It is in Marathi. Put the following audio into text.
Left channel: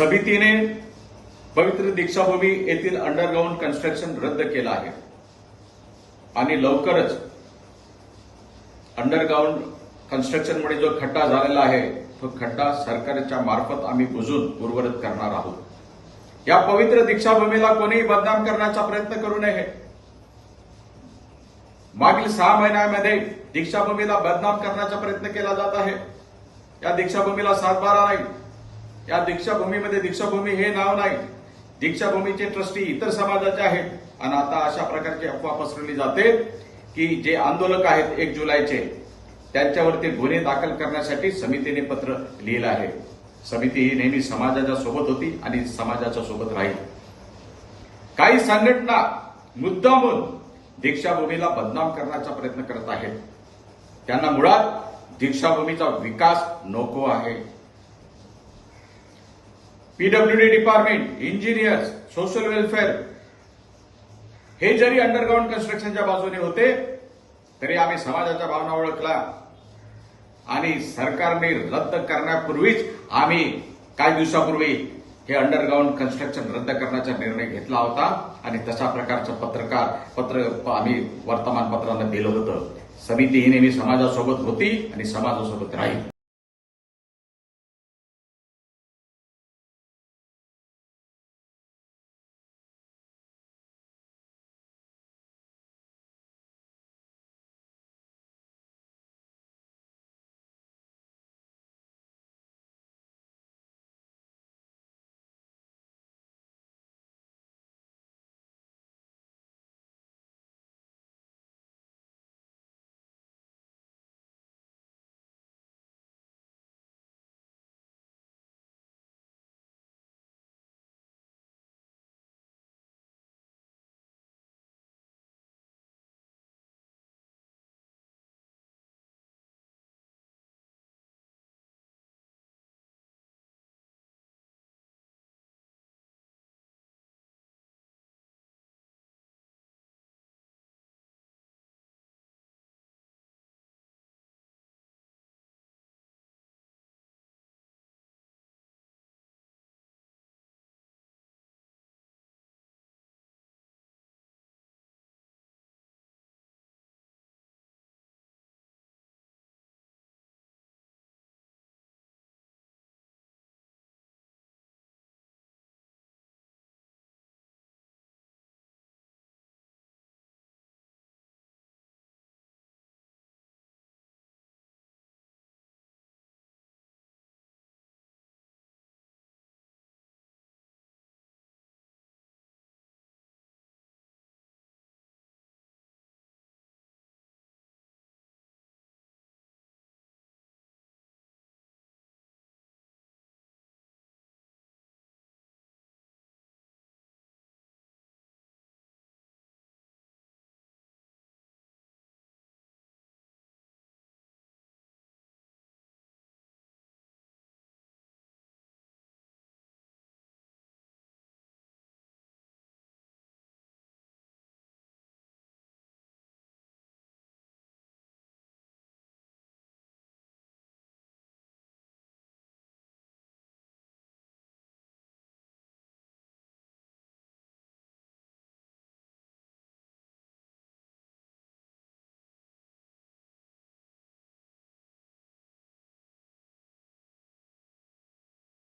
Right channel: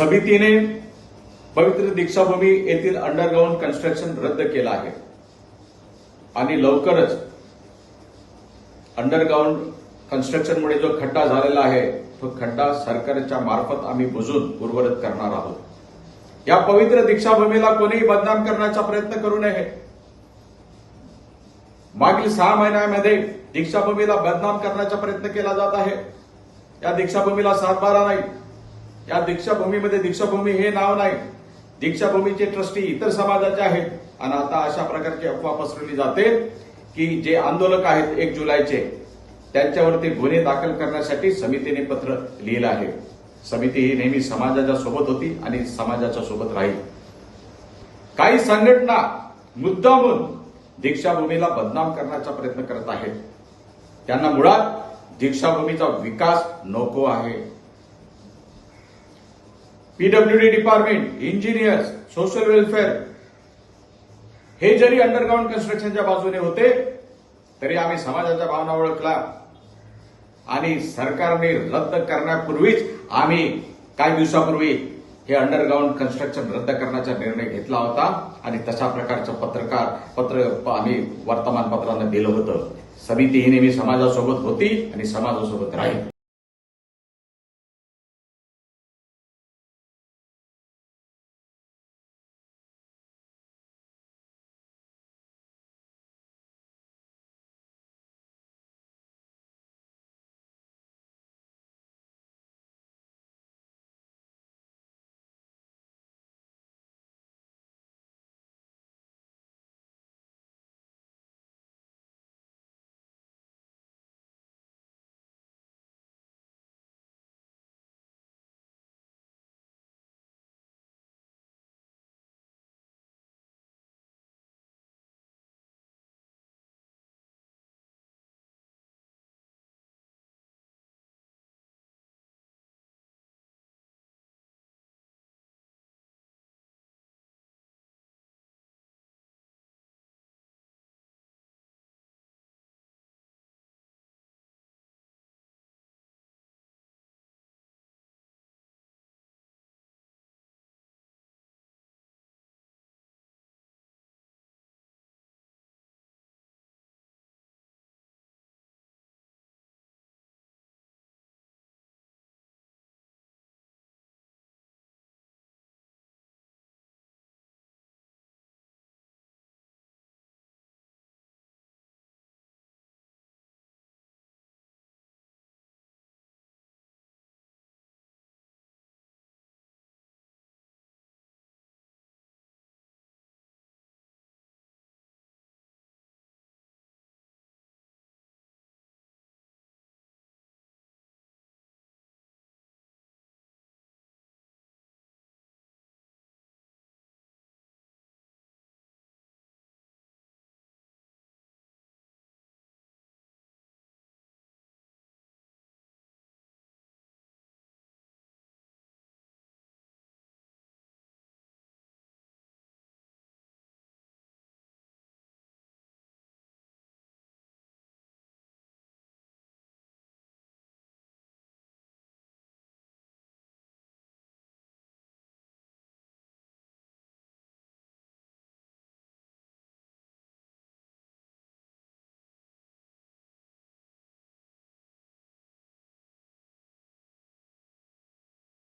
समितीने पवित्र दीक्षाभूमी येथील अंडरग्राऊंड कन्स्ट्रक्शन रद्द केलं आहे. आणि लवकरच अंडरग्राऊंड कन्स्ट्रक्शनमुळे जो खड्डा झालेला आहे तो खड्डा सरकारच्या मार्फत आम्ही बुजून उर्वरित करणार आहोत. या पवित्र दीक्षाभूमीला कोणीही बदनाम करण्याचा प्रयत्न करू नये. मागील सहा महिन्यामध्ये दीक्षाभूमीला बदनाम करण्याचा प्रयत्न केला जात आहे. या दीक्षाभूमीला सातबारा नाही या दीक्षाभूमीमध्ये दीक्षाभूमी हे नाव नाही. दीक्षाभूमीचे ट्रस्टी इतर समाजाचे आहेत. आणि आता अशा प्रकारची अफवा पसरली जाते की जे आंदोलक आहेत एक जुलैचे त्यांच्यावरती गुन्हे दाखल करण्यासाठी समितीने पत्र लिहिलं आहे. समिती ही नेहमी समाजाच्या सोबत होती आणि समाजाच्या सोबत राहील. काही संघटना मुद्दामून दीक्षाभूमीला बदनाम करण्याचा प्रयत्न करत आहेत. त्यांना मुळात दीक्षाभूमीचा विकास नको आहे. PWD department engineers social welfare हे जरी अंडरग्राऊंड कन्स्ट्रक्शनच्या बाजूने होते तरी आम्ही समाजाच्या भावना ओळखला. आणि सरकारने रद्द करण्यापूर्वीच आम्ही काही दिवसापूर्वी हे अंडरग्राऊंड कन्स्ट्रक्शन रद्द करण्याचा निर्णय घेतला होता. आणि तशा प्रकारचं पत्रकार पत्र आम्ही वर्तमानपत्रांना दिलं होतं. समिती ही नेहमी समाजासोबत होती आणि समाजासोबत राहील.